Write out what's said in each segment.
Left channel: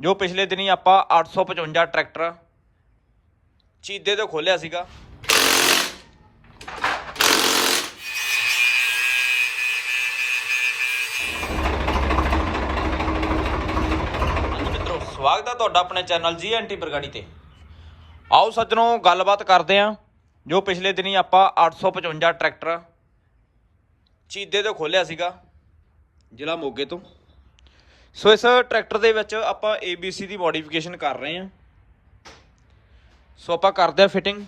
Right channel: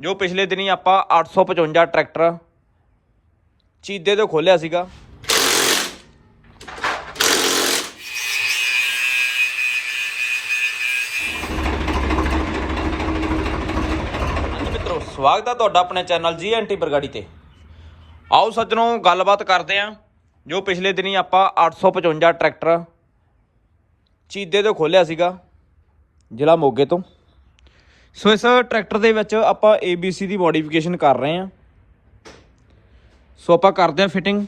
ਜੋ ਪਿਛਲੇ ਦਿਨੀ ਆਪਾਂ 855 ਟਰੈਕਟਰ ਚੀਦੇ ਤੋਂ ਖੋਲਿਆ ਸੀਗਾ। ਸਵਾਗਤ ਹੈ ਤੁਹਾਡਾ ਆਪਣੇ ਚੈਨਲ ਜੀ ਐਨਟੀ ਬਰਗਾੜੀ ਤੇ। ਆਓ ਸੱਜਣੋ, ਗੱਲਬਾਤ ਕਰਦੇ ਆਂ। ਜੋ ਪਿਛਲੇ ਦਿਨੀ ਆਪਾਂ 855 ਟਰੈਕਟਰ ਚੀਦੇ ਤੋਂ ਖੋਲਿਆ ਸੀਗਾ, ਜ਼ਿਲ੍ਹਾ ਮੋਗੇ ਤੋਂ। ਸੋ ਇਸ ਟਰੈਕਟਰ ਦੇ ਵਿੱਚ ਆਪਾਂ ABC ਦੀ ਮੋਡੀਫਿਕੇਸ਼ਨ ਕਰ ਰਹੇ ਹਾਂ। ਸੋ ਆਪਾਂ ਕਰਦੇ ਹਾਂ ਫਿਟਿੰਗ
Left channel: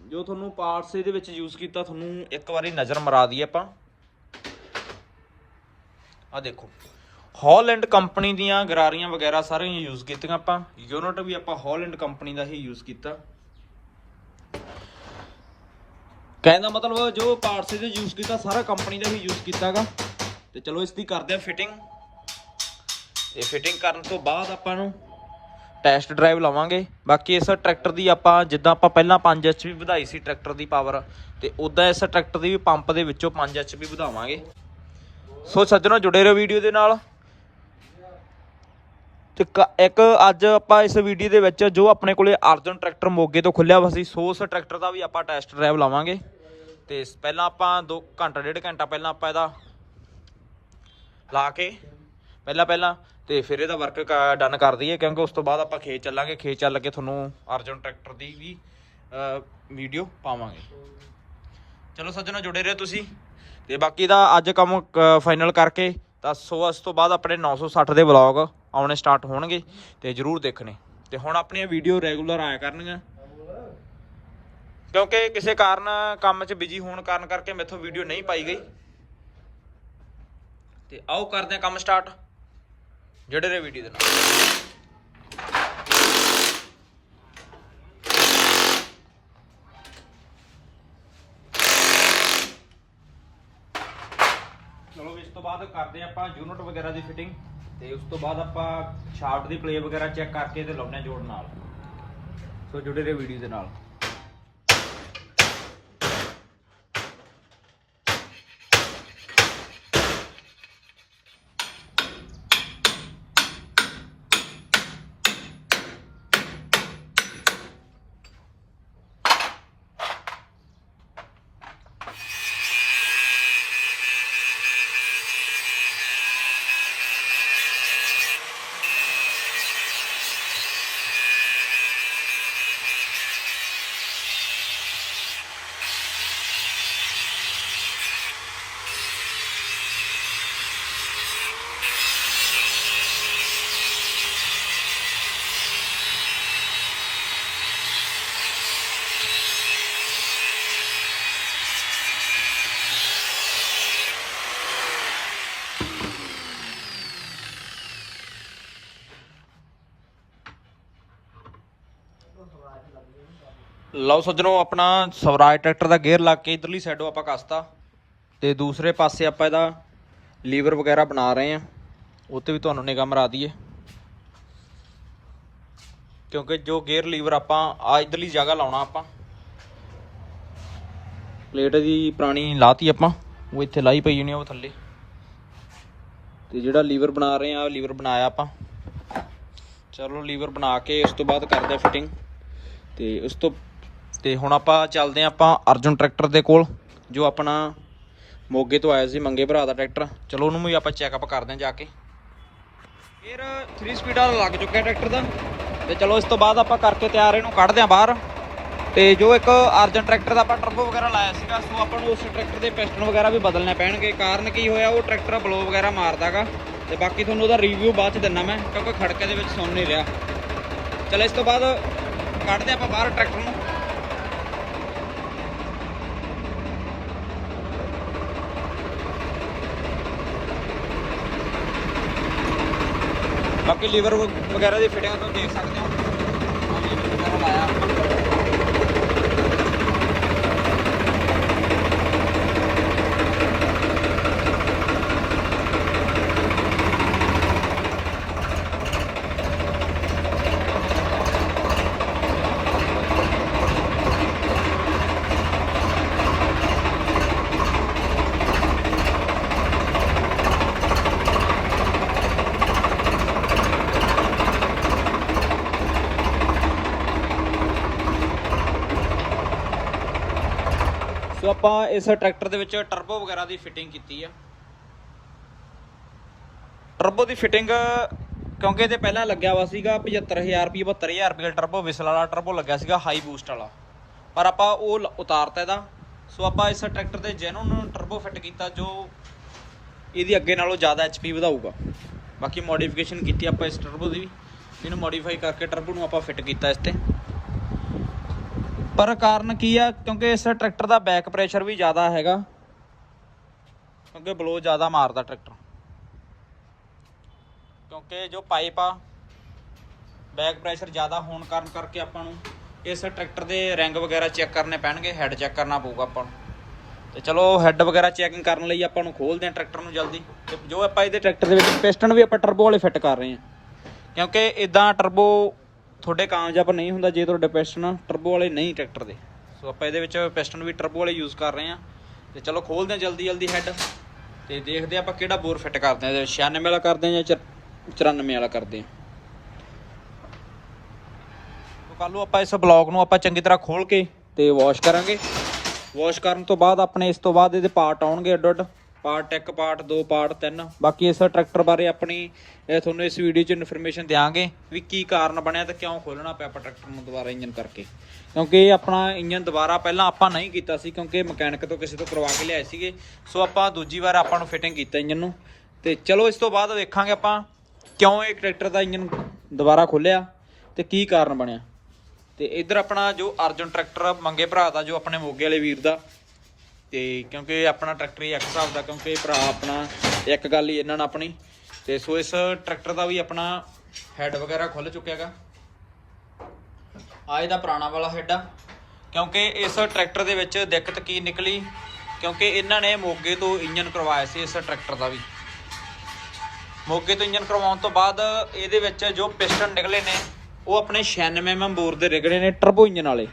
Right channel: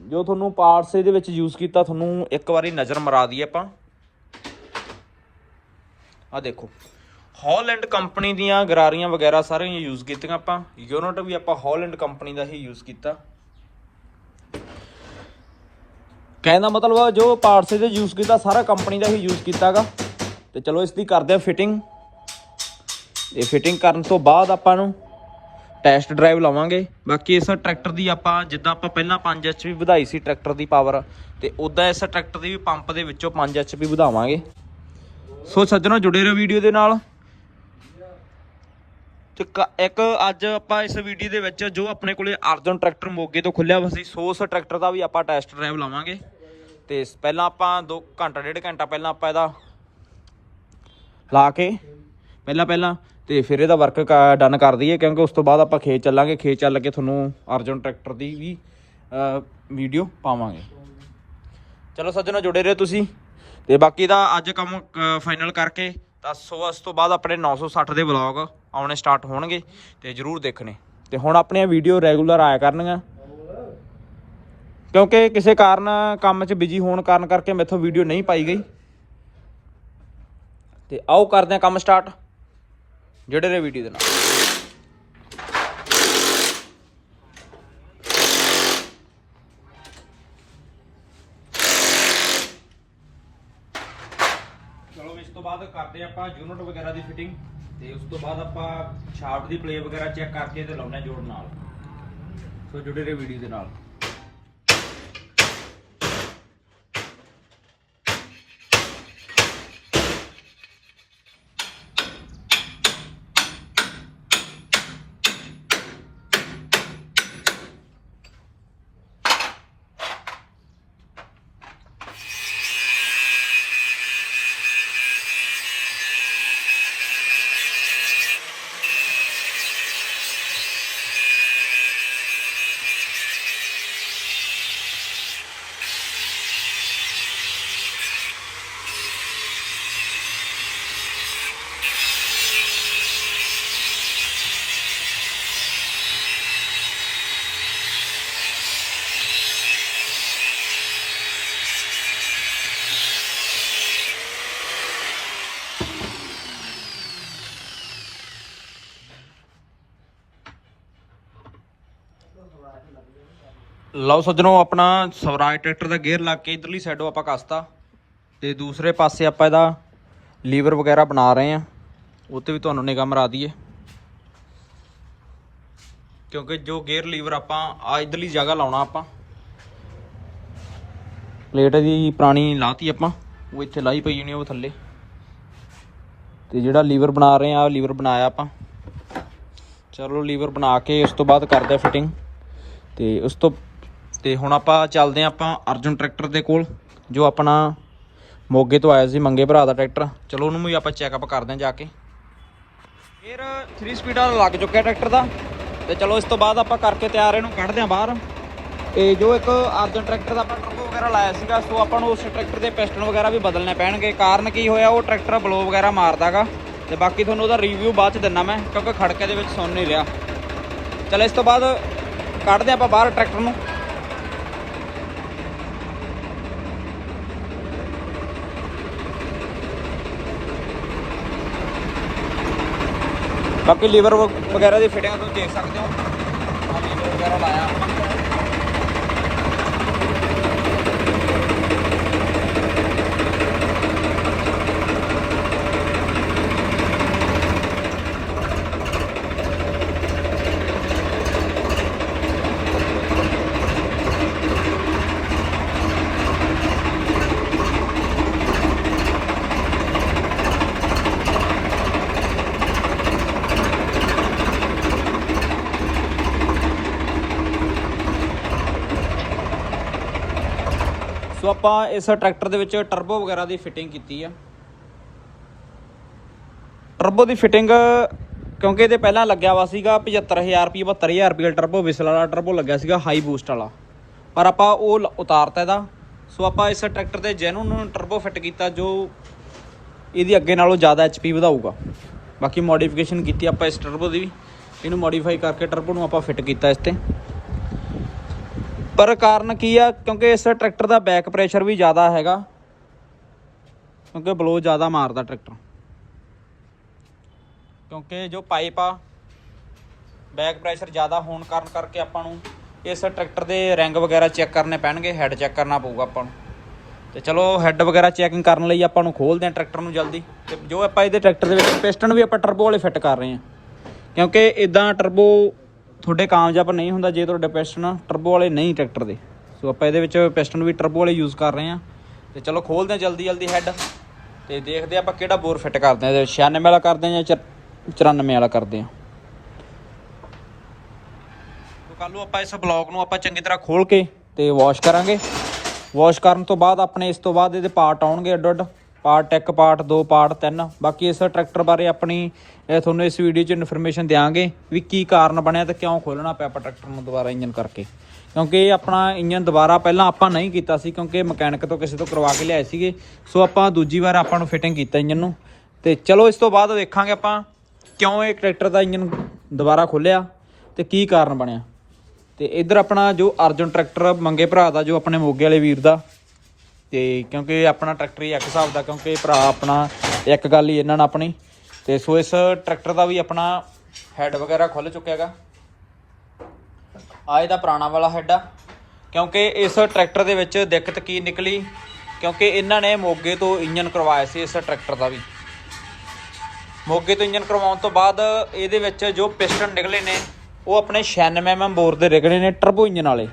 ਜੋ ਤੁਹਾਨੂੰ ਪਾਰਟਸ ਇਹਦੇ ਵਿੱਚ ਯੂਜ਼ ਕੀਤਾ, ਤੁਹਾਨੂੰ ਇੱਕ ਵਾਰੀ ਨਜ਼ਰ ਮਰਾ ਦਈਏ ਆਪਾਂ। ਆ ਦੇਖੋ ਹਾਲੈਂਡ ਕੰਪਨੀ ਦੀਆਂ ਗਰਾਰੀਆਂ ਵਗੈਰਾ ਸਾਰੀਆਂ ਯੂਜ਼ ਕੀਤੀਆਂ ਆਪਾਂ। ਯੂਨਿਟ ਵੀ ਆਪਾਂ ਹਾਲੈਂਡ ਕੰਪਨੀ ਦਾ ਹੀ ਯੂਜ਼ ਕੀਤਾ। ਕਹਿਣ ਦਾ ਮਤਲਬ ਆ, ਜੋ ਪਾਰਟਸ ਇਹਦੇ ਯੂਜ਼ ਕੀਤਾ, ਸਾਰਾ ਕੰਪਨੀ ਦਾ ਹੀ ਯੂਜ਼ ਕੀਤਾਗਾ। ਤੇ ਚਲੋ ਇਸ ਦੀ ਕਰਦੇ ਆ ਫਿਟਿੰਗ ਤੇ ਫਿਟਿੰਗ ਕਰਨ ਤੋਂ ਬਾਅਦ ਆਪਾਂ ਨੂੰ ਟੈਸਟ ਡਰਾਈਵ ਲਵਾਂਗੇ। ਬਾਕੀ ਇਸ ਟਰੈਕਟਰ ਦੀ ਆਪਾਂ, ਜਿੱਦਾਂ ਆਪਾਂ ਪਹਿਲਾਂ 5 ਐਚਪੀ ਵਧਾਈ ਸੀ ਟਰੈਕਟਰ ਦੀ ਪਾਵਰ ਤੇ ਉਦਾਂ ਇਸ ਟਰੈਕਟਰ ਦੀ ਵੀ ਪੰਪ ਦੇ ਵਿੱਚੋਂ 5 ਐਚਪੀ ਵਧਾਵਾਂਗੇ। ਸੋ ਸੱਜਣੋ, ਜੁੜੇ ਰਹੋ ਵੀਡੀਓ ਦੇ ਨਾਲ। ਤੇ ਕ- ਇੱਕ ਅੱਜ ਆਪਾਂ ਇਸ ਵੀਡੀਓ ਦੇ ਵਿੱਚ ਜੋ ਆਪਣੇ ਕੋਲੇ ਅਰਜਨ ਟਰੈਕਟਰ ਮੋਗੇ ਤੋਂ ਖੁੱਲਿਆ ਵਾ ਸੀ, ਸੋ ਉਸ ਟਰੈਕਟਰ ਦਾ ਵੀ ਆਪਾਂ ਟੈਸਟ ਡਰਾਈਵ ਲਾਵਾਂਗੇ। ਤੇ ਪਹਿਲਾਂ ਆਪਾਂ 2 ਘੰਟਾ, ਡੇਢ ਘੰਟਾ ਪਹਿਲਾਂ ਆਪਾਂ ਇਹਦਾ ਲਾ ਕੇ ਪਹਿਲਾਂ ਪਹਿਲਾਂ ਤੇ ਫਿਰ ਇਹਦਾ ਵਰਕ ਡਨ ਕਰ ਦਈਏ, ਕਿਉਂਕਿ ਉਸ ਤੋਂ ਬਾਅਦ ਆਪਾਂ ਖੇਤ ਚੱਲਾਂਗੇ, ਖੇਤ ਚੱਲ ਕੇ ਤੁਹਾਨੂੰ ਅਰਜਨ ਟਰੈਕਟਰ ਦੀ ਵੀ ਵੀਡੀਓ ਪਾਵਾਂਗੇ। ਚਲੋ ਸੱਜਣੋ, ਜੁੜੇ ਰਹੋ ਤੁਸੀਂ। ਤੇ ਬਾਕੀ ਦਾ ਅੱਜ ਕੰਮ ਫਾਈਨਲ ਕਰਕੇ, ਤਾਂ ਸੋ ਅਸ ਤੋਂ ਬਾਅਦ ਆਪਣੇ 960 ਦੇ ਵਲੌਗ ਆਉਣੇ ਸਟਾਰਟ ਹੋਣਗੇ, ਤੇ ਜਰੂਰ ਦੇਖਣੇ। ਤੇ ਹੁਣ ਆਪਣੀਆਂ ਵੀਡੀਓ ਰੈਗੂਲਰ ਆਇਆ ਕਰਨਗੀਆਂ। ਕਿਉਂਕਿ ਕਿਸੇ ਕਾਰਨ ਕੰਮ 'ਚ ਬਿਜ਼ੀ ਹੋਣ ਕਾਰਨ ਕਰਕੇ ਮੈਥੋਂ ਵੀਡੀਓ ਨਹੀਂ ਪਾਈ ਗਈ। ਤੇ ਆਓ ਕਰਦੇ ਹਾਂ ਕੰਮ ਸਟਾਰਟ ਜਿਹੜੇ ਰਹੇ ਵੀਡੀਓ ਦੇ ਨਾਲ। ਚਲੋ ਇਸ ਤੋਂ ਬਾਅਦ ਕਰਦੇ ਹਾਂ ਆਪਾਂ ਯੂਨਿਟ ਵਗੈਰਾ ਦੀ ਫਿਟਿੰਗ ਤੇ ਉਸ ਤੋਂ ਬਾਅਦ ਆਪਾਂ ਸ਼ਾਫਟ ਦੀ ਪਲੇ ਵਗੈਰਾ ਚੈੱਕ ਕਰਕੇ ਤੇ ਲਾਉਣੇ ਜੋੜ ਨਾਲ। ਸੋ ਜੁੜੇ ਰਹੇ ਵੀਡੀਓ ਦੇ ਨਾਲ। ਲਓ ਸੱਜਣੋ, ਆਪਣਾ ਸਵਰਾਜ ਟਰੈਕਟਰ ਦਾ ਗੇਅਰ ਲਾ ਕੇ ਇਧਰਲੀ ਸਾਈਡੋਂ ਆਪਾਂ ਕੱਸਤਾ। ਤੇ ਦੂਸਰੇ ਪਾਸੇ ਆਪਾਂ ਇਹਦਾ ਲੀਵਰ ਵਗੈਰਾ ਬਣਾ ਰਹੇ ਆ ਉੱਤੇ ਵੀ ਤੁਹਾਨੂੰ ਨਿਗਾਹ ਮਰਾ ਦਈਏ। ਕਿਉਂਕਿ ਜੋ ਗੇਅਰ ਲੀਵਰ ਆਪਾਂ ਆ ਇਧਰਲੀ ਜਗ੍ਹਾ ਲਾਉਣਾ ਆਪਾਂ। ਪਲੇਟ ਦੀ ਪੁਰਾਣੀ ਲਾਤੀ ਆਪਾਂ। ਉਹ ਇੱਥੇ ਲਾਈ ਪਈ ਜਣੀ ਉਹ ਥੱਲੇ। ਤੇ ਜਿਹੜਾ ਲੀਵਰ ਬਣਾ ਰਹੇ ਆ ਲੀਵਰ ਬਣਾਇਆ ਆਪਾਂ। ਚਲੋ ਲੀਵਰ ਬਣਾ ਕੇ ਉਸ ਤੋਂ ਬਾਅਦ ਕਰਦੇ ਆ ਫਿਟਿੰਗ ਤੇ ਉਸ ਤੋਂ ਤੇ ਹੁਣ ਆਪਾਂ ਚੱਲਦੇ ਹਾਂ ਆਪਾਂ ਅਰਜੁਨ ਟਰੈਕਟਰ ਦੇ ਕੋਲ, ਜੋ ਆਪਣਾ ਮੋਗੇ ਤੋਂ ਆਇਆ ਸੀ, ਮੰਗੇ ਭਰਾ ਦਾ ਟਰੈਕਟਰ। ਚਲੋ ਉਹਨੂੰ ਵੀ ਆਪਾਂ ਚੈੱਕਅਪ ਕਰਦੇ ਹਾਂ ਜਾ ਕੇ। ਫਿਰ 3 ਸਪੀਡ ਵਾਲਾ ਲੱਗ ਚੁੱਕਿਆ ਟਰੈਕਟਰ ਦਾ। ਤੇ ਚਲੋ ਇਸ ਤੋਂ ਬਾਅਦ ਆਪਾਂ ਕਰਕੇ ਤਿਆਰ, ਇਹਨੂੰ ਕੱਢਦੇ ਹਾਂ ਬਾਹਰ। ਤੇ ਜੋ ਇੱਕ ਅਰਜਨ ਟਰੈਕਟਰ ਦਾ ਆਪਾਂ ਟਰਬੋ ਵਗੈਰਾ ਲਾਇਆ ਸੀਗਾ, ਸੋ ਆਪਾਂ ਨੂੰ ਉਸ ਟਰੈਕਟਰ ਦੇ ਪਿਸਟਨ ਵਗੈਰਾ ਵੀ ਬਦਲਣੇ ਪੈਣਗੇ। ਕਾਰਨ ਕੀ ਹੋਇਆ, ਉਹ ਟਰੈਕਟਰ ਬਲੋ ਵਗੈਰਾ ਮਾਰਦਾਗਾ। ਤੇ ਬਾਕੀ ਤੁਹਾਨੂੰ ਉਹਦਾ ਰਿਵਿਊ ਬਾਅਦ ਚ ਦਿੰਦਾ ਮੈਂ, ਕਿਉਂਕਿ ਖੜਕੇ ਦੇ ਵਿੱਚ ਸੁਣ ਨਹੀਂ ਰਿਹਾ। ਚਲੋ ਇਸ ਤੋਂ ਬਾਅਦ ਕੱਢਦੇ ਆਪਾਂ ਬਾਹਰ ਟਰੈਕਟਰ ਨੂੰ। ਬਾਕੀ ਲੀਵਰ ਵਗੈਰਾ ਦੀ ਫਿਟਿੰਗ ਤੁਸੀਂ ਦੇਖ ਸਕਦੇ ਹੋ। ਆ ਲੀਵਰ ਵਗੈਰਾ ਲਾਇਆ। ਆਪਾਂ ਇਸ ਟਰੈਕਟਰ ਦੇ ਵਿੱਚ ਟਰਬੋ ਵਗੈਰਾ ਦੀ ਫਿਟਿੰਗ ਕੀਤੀ ਆ। ਟਰਬੋ ਦੀ ਫਿਟਿੰਗ ਕਿਉਂਕਿ ਇਹਦੇ ਪਹਿਲਾਂ ਲੱਗਿਆ ਵਾ ਸੀਗਾ 75000 ਰੁਪਏ 72000 ਰੁਪਏ ਟਰਬੋ ਵਿਸਲ ਵਾਲਾ ਟਰਬੋ ਲੱਗਿਆ ਸੀਗਾ ਹਾਈ ਬੂਸਟ ਵਾਲਾ। ਪਰ ਆਪਾਂ ਉਹ ਲ- ਉਤਾਰਤਾ ਇਹਦਾ। ਸੋ ਆਪਾਂ ਇਸ ਟਰੈਕਟਰ ਤੇ ਜੈਨੂਨ ਟਰਬੋ ਫਿੱਟ ਕੀਤਾ ਜੋ ਇਹਦੀ ਅੱਗੇ ਨਾਲੋਂ ਜ਼ਿਆਦਾ ਐਚਪੀ ਵਧਾਊਗਾ। ਬਾਕੀ ਮੋਡੀਫਿਕੇਸ਼ਨ ਕੀਤੀ ਆਪਾਂ ਇਸ ਟਰਬੋ ਦੀ ਵੀ। ਇਹਨੂੰ ਮੋਡੀਫਾਈ ਕਰਕੇ ਟਰਬੋ ਨੂੰ ਆਪਾਂ ਫਿੱਟ ਕੀਤਾ ਇਸ ਤੇ। ਪਰ ਕਾਰਨ ਕੀ ਆ? ਕਿਉਂਕਿ ਇਸ ਟਰੈਕਟਰ ਦਾ ਬੈਕ ਪ੍ਰੈਸ਼ਰ ਵੀ ਜ਼ਿਆਦਾ ਹੈਗਾ। ਕਿਉਂਕਿ ਬਲੋ ਜ਼ਿਆਦਾ ਮਾਰਦਾ ਟਰੈਕਟਰ। ਕਿਉਂਕਿ ਜੋ ਪਾਈਪ ਆ ਬੈਕ ਪ੍ਰੈਸ਼ਰ ਜ਼ਿਆਦਾ ਹੋਣ ਕਾਰਨ ਕਰਕੇ ਆਪਾਂ ਨੂੰ ਇਸ ਟਰੈਕਟਰ ਦੇ ਰੈਂਗ ਵਗੈਰਾ ਚੈੱਕ ਕਰਨੇ ਪੈਣਗੇ ਹੈਡ ਚੈੱਕ ਕਰਨਾ ਪਊਗਾ ਆਪਾਂ ਨੂੰ। ਤੇ ਚਲੋ ਹੈਡ ਵਗੈਰਾ ਚੈਕਿੰਗ ਕਰਨ ਲਈ ਆਪਾਂ ਨੂੰ ਖੋਲਦੇ ਹਾਂ ਟਰੈਕਟਰ ਨੂੰ ਜਲਦੀ। ਤੇ ਜੋ ਆਪਾਂ ਇਹਦੇ ਟਰੈਕਟਰ ਦੇ ਵਿੱਚ ਪਿਸਟਨ ਵੀ ਆਪਾਂ ਟਰਬੋ ਵਾਲੇ ਫਿੱਟ ਕਰ ਰਹੇ ਹਾਂ। ਕਿਉਂਕਿ ਇਦਾਂ ਟਰਬੋ ਤੁਹਾਡੇ ਕਾਮਯਾਬ ਨਹੀਂ ਹੁੰਦਾ, ਜੇ ਤੁਹਾਡੇ ਪਿਸਟਨ ਟਰਬੋ ਵਾਲੇ ਨਹੀਂ ਟਰੈਕਟਰ ਦੇ। ਸੋ ਆਪਾਂ ਇਹਦੇ ਵਿੱਚ ਪਿਸਟਨ ਵੀ ਟਰਬੋ ਵਾਲੇ ਯੂਜ਼ ਕਰ ਰਹੇ ਹਾਂ। ਤੇ ਚਲੋ ਖੋਲਦੇ ਹਾਂ ਜਲਦੀ ਜਲਦੀ ਹੈੱਡ ਤੇ ਦੇਖਦੇ ਹਾਂ ਆਪਾਂ ਕਿਹੜਾ ਬੋਰ ਫਿੱਟ ਕਰਦੇ ਹਾਂ। ਇਹਦੇ ਵਿੱਚ 96 ਵਾਲਾ ਕਰਦੇ ਹਾਂ ਜਾਂ 94 ਵਾਲਾ ਕਰਦੇ ਹਾਂ। ਤੋ ਕੱਲ ਨੂੰ ਆਪਾਂ ਇਸ ਬਲੌਕ ਨੂੰ ਆਪਾਂ ਚੰਗੀ ਤਰ੍ਹਾਂ ਖੋਲ ਕੇ ਤੇ ਵਾਸ਼ ਕਰਾਂਗੇ। ਵਾਸ਼ ਕਰਨ ਤੋਂ ਬਾਅਦ ਆਪਣੇ ਇਸ ਤੋਂ ਬਾਅਦ ਇਹਦੇ ਪਾਰਟ ਆਉਣਗੇ ਅੱਡ ਅੱਡ ਪਾਰਟ 1 ਪਾਰਟ 2 ਪਾਰਟ 3 ਬਾਕੀ ਇਸ ਟਰੈਕਟਰ ਬਾਰੇ ਆਪਣੀ ਤੁਹਾਨੂੰ ਇਸ ਵੀਡੀਓ 'ਚ ਇਨਫੋਰਮੇਸ਼ਨ ਦਿਆਂਗੇ ਵੀ ਕੀ ਕਾਰਨ ਬਣਿਆ ਤੇ ਕਿਉਂ ਖੋਲਣਾ ਪਿਆ ਆਪਾਂ ਟਰੈਕਟਰ ਨੂੰ ਦੁਬਾਰਾ ਇੰਜਨ ਕਰਕੇ। ਕਿਉਂਕਿ ਇਹ ਆਪਣਾ ਇੰਜਨ ਦੁਬਾਰਾ ਪਹਿਲਾਂ ਆਪਾਂ ਨਹੀਂ ਕੀਤਾ ਸੀ, ਕਿਉਂਕਿ ਮਕੈਨਿਕ ਤੋਂ ਕਿਸੇ ਤੋਂ ਕਰਵਾ ਕੇ ਲਿਆਏ ਸੀਗੇ। ਸੋ ਆਪਾਂ ਦੂਜੀ ਵਾਰ ਆਪਾਂ ਨੂੰ ਫਿਟਿੰਗ ਕੀਤਾ ਇੰਜਨ ਨੂੰ। ਤੇ ਚਲੋ ਇਸ ਤੋਂ ਬਾਅਦ ਦੇਖਾਂਗੇ ਆਪਾਂ ਕਿਉਂ ਇਹ ਟਰੈਕਟਰ ਦਾ ਇੰਜਨ ਦੁਬਾਰਾ ਖੋਲਿਆ ਤੇ ਕੀ ਕਾਰਨ ਬਣਿਆ। ਤੇ ਇੱਧਰ ਆਪਣਾ ਜੋ ਅਰਜਨ ਟਰੈਕਟਰ ਮੰਗੇ ਭਰਾ ਦਾ, ਜੋ ਆਪਣੇ ਮੋਗੇ ਵਾਲੇ ਵੀਰ ਦਾ ਤੇ ਕਿਉਂਕਿ ਆਪਣਾ ਟਰੈਕਟਰ ਹੀ ਇੱਕ ਹਿਸਾਬ ਦਾ, ਕਿਉਂਕਿ ਭਰਾ ਆਪਣਾ ਇੱਕ ਗੱਲ ਹੀ ਇਹਨਾਂ ਨਾਲ ਆਪਣੀ। ਤੇ ਸੋ ਇਸ ਟਰੈਕਟਰ ਦਾ ਵੀ ਆਪਣਾ ਹੈਡ ਵਗੈਰਾ ਖੁੱਲ ਚੁੱਕਿਆ ਹੈਗਾ। ਆ ਇਹਦਾ ਪੁਰਾਣਾ ਵਾਲਾ ਹੈਡ ਆ। ਕਿਉਂਕਿ ਇਸ ਟਰੈਕਟਰ ਦੇ ਵਿੱਚ ਦਿੱਕਤ ਕੀ ਨਿਕਲੀ? ਕਿਉਂਕਿ ਇਹਨਾਂ ਨੇ ਮੋਗੇ ਤੋਂ ਇੰਜਨ ਕਰਵਾਇਆ ਸੀ ਇਸ ਟਰੈਕਟਰ ਦਾ ਵੀ। ਮੋਗੇ ਤੋਂ ਇੰਜਨ ਕਰਵਾਉਣ ਤੋਂ ਬਾਅਦ ਇਹਦੇ ਵਿੱਚ ਜੋ ਪਿਸਟਨ ਨਿਕਲੇ ਨੇ, ਉਹ ਆਪਣੇ 96 mm ਬੋਰ ਦੇ ਨਿਕਲੇ ਨੇ ਟਰਬੋ ਇੰਜਨ ਵਾਲੇ।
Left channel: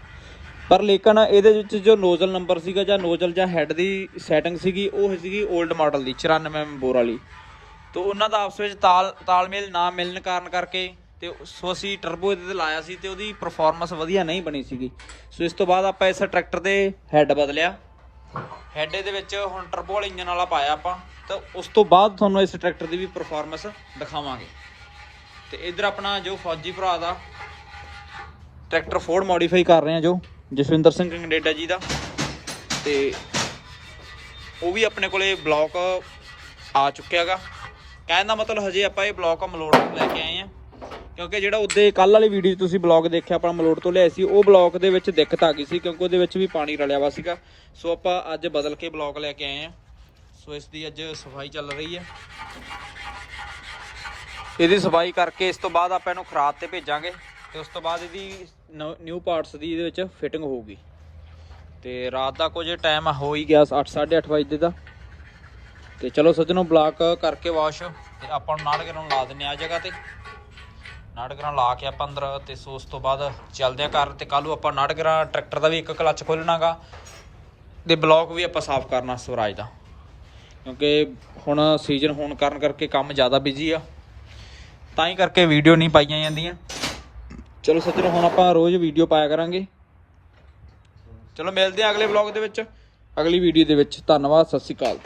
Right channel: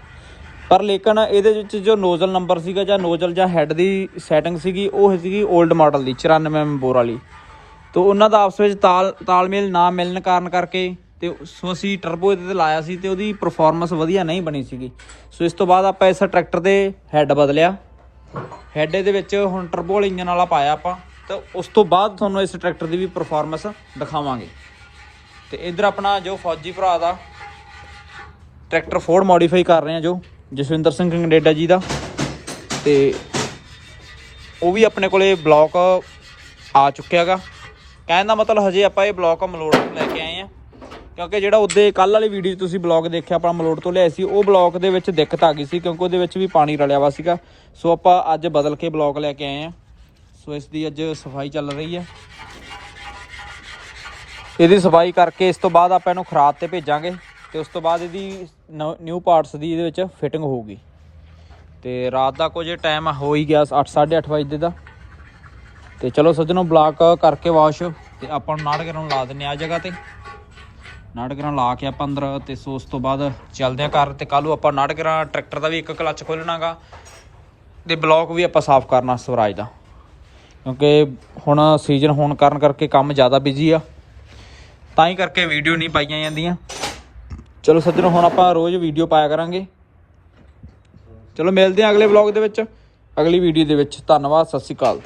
ਪਰ ਲੇਕਿਨ ਇਹਦੇ ਵਿੱਚ ਜੋ ਨੋਜ਼ਲ ਨੰਬਰ ਸੀਗਾ ਜਾਂ ਨੋਜ਼ਲ ਜਾਂ ਹੈਡ ਦੀ ਸੈਟਿੰਗ ਸੀਗੀ, ਉਹ ਸੀਗੀ 올ਡ ਮਾਡਲ ਦੀ 94 ਮੈਂਬੋਰ ਵਾਲੀ। ਤੋਂ ਉਹਨਾਂ ਦਾ ਆਪਸ ਵਿੱਚ ਤਾਲ, ਤਾਲਮੇਲ ਨਾ ਮਿਲਣ ਕਾਰਨ ਕਰਕੇ ਤੇ ਸੋ ਅਸੀਂ ਟਰਬੋ ਇਹਦੇ ਤੇ ਲਾਇਆ ਸੀ ਤੇ ਉਹਦੀ ਪਰਫਾਰਮੈਂਸ ਵਧੀਆ ਨਹੀਂ ਬਣੀ ਸੀਗੀ। ਸੋ ਇਸ ਤੋਂ ਬਾਅਦ ਆਪਾਂ ਇਸ ਟਰੈਕਟਰ ਦੇ ਹੈੱਡ ਬਦਲਿਆ। ਹੈੱਡ ਦੇ ਵਿੱਚ ਹੁਣ ਟਰਬੋ ਵਾਲੇ ਇੰਜਨ ਵਾਲਾ ਪਾਇਆ ਆਪਾਂ। ਤਾਂ ਉਸ ਤੋਂ ਬਾਅਦ ਤੁਹਾਨੂੰ ਇਸ ਟਰੈਕਟਰ ਦੀ ਵੀ ਪਰਫਾਰਮੈਂਸ ਦਿਖਾਵਾਂਗੇ। ਤੇ ਇਧਰ ਆਪਣਾ ਜੋ ਫੌਜੀ ਭਰਾ ਦਾ ਟਰੈਕਟਰ ਫੋਰਡ ਮੋਡੀਫਾਈ ਕਰ ਰਹੇ ਆ ਜੋ। ਜਸਵਿੰਦਰ ਸਿੰਘ ਕੈਨੇਡਾ ਜੀ ਦਾ। ਤੇ ਉਹ ਵੀ ਆਪਣੇ ਕੋਲੇ ਬਲੌਕ ਆ ਚੁੱਕਿਆਗਾ ਕਹਿਣ ਦਾ ਮਤਲਬ ਹਜੇ ਆਪਾਂ ਇਹ ਬਲੌਕ ਮਲੋੜ ਤੋਂ ਲੈ ਕੇ ਆਏ ਆ। ਕਿਉਂਕਿ ਜਿਹੜਾ ਉਹਦੇ ਕੱਲ ਵਾਲੀ ਵੀਡੀਓ 'ਚ ਤੁਸੀਂ ਬਲੌਗ ਦੇਖਿਆ, ਆਪਾਂ ਮਲੋੜ ਤੋਂ ਲਿਆਏ ਸੀ, ਉਹ ਬਲੌਕ ਦੇ ਵਿੱਚ ਦਿੱਕਤ ਆ ਗਈ ਸੀ ਕਿਉਂਕਿ ਉਹਦੇ ਵਿੱਚ ਵੀ ਪਾਣੀ ਰਲਿਆ ਵਾ ਸੀਗਾ। ਸੋ ਆਪਾਂ ਅੱਜ ਬਦਲ ਕੇ ਬਲੌਕ ਲੈ ਕੇ ਆਏ ਆ। ਸੋ ਇਸ ਦੀ ਅੱਜ ਸਫ਼ਾਈ ਚੱਲ ਰਹੀ ਹੈ ਇਹਦੀ ਸਫ਼ਾਈ ਕਰਕੇ ਇਸ ਤੋਂ ਬਾਅਦ ਆਪਾਂ ਇਹਨੂੰ ਖਰਾਦ ਤੇ ਭੇਜਾਂਗੇ। ਤੇ ਉਸ ਤੋਂ ਬਾਅਦ ਇਹਦੀ ਨਿਊ ਪਾਰਟਸ ਦੀ ਇਹਦੇ ਵਿੱਚ ਫਿਟਿੰਗ ਹੋਊਗੀ। ਤੇ ਰਾਤ ਦਾ ਕੁਝ ਟਾਈਮ ਹੋ ਹੀ ਗਿਆ 8:30 ਵਜੇ ਦਾ। ਤੇ ਚਲੋ ਸੱਜਣੋ ਬਲਾਕ ਕਰਕੇ ਵਾਸ਼ ਤੇ ਆਪਾਂ ਨੂੰ ਨਾੜਗਰਾਂ ਨੂੰ ਲਾ ਦਿੰਨੇ ਆ ਜਗ੍ਹਾ ਤੇ। ਨਾੜਗਰਾਂ ਲਾ ਕੇ ਆਪਾਂ ਅੰਦਰ, ਤੇ ਸੋ ਉਸ ਤੋਂ ਬਾਅਦ ਚੱਲਦੇ ਆ ਘਰ। ਤੇ ਕੱਲ੍ਹ ਨੂੰ ਆਪਾਂ ਨਾੜਗਰਾਂ ਟਰੈਕਟਰ ਦਾ ਵੀ ਇੱਕ ਕਲੱਚ ਖੋਲਣਾਗਾ ਤੇ ਬਲੌਕ ਵੀ ਆਪਾਂ ਸਾਫ਼ ਕਰਨਾ ਸਵਰਾਜ ਦਾ। ਕਿਉਂਕਿ ਹੁਣ ਸੀਜ਼ਨ ਹੋਣ ਕਾਰਨ ਕਰਕੇ ਕੰਮ ਜ਼ਿਆਦਾ ਬਿਜ਼ੀ ਆ। ਤਾਂ ਹੀ ਕਰਕੇ ਵੀਡੀਓ ਨਹੀਂ ਪਾਈਆਂ ਜਾਂਦੀਆਂ। ਚਲੋ ਸੱਜਣੋ, ਹੁਣ ਆਪਾਂ ਰੋਜ਼ ਵੀਡੀਓ ਪਾਇਆ ਕਰਾਂਗੇ। ਚਲੋ ਮਿਲਦੇ ਹਾਂ ਅਗਲੇ ਵਲੌਗ ਦੇ ਵਿੱਚ। ਅਗਲੀ ਵੀਡੀਓ ਦੇ ਵਿੱਚ। ਧੰਨਵਾਦ, ਸਤਿ ਸ਼੍ਰੀ ਅਕਾਲ।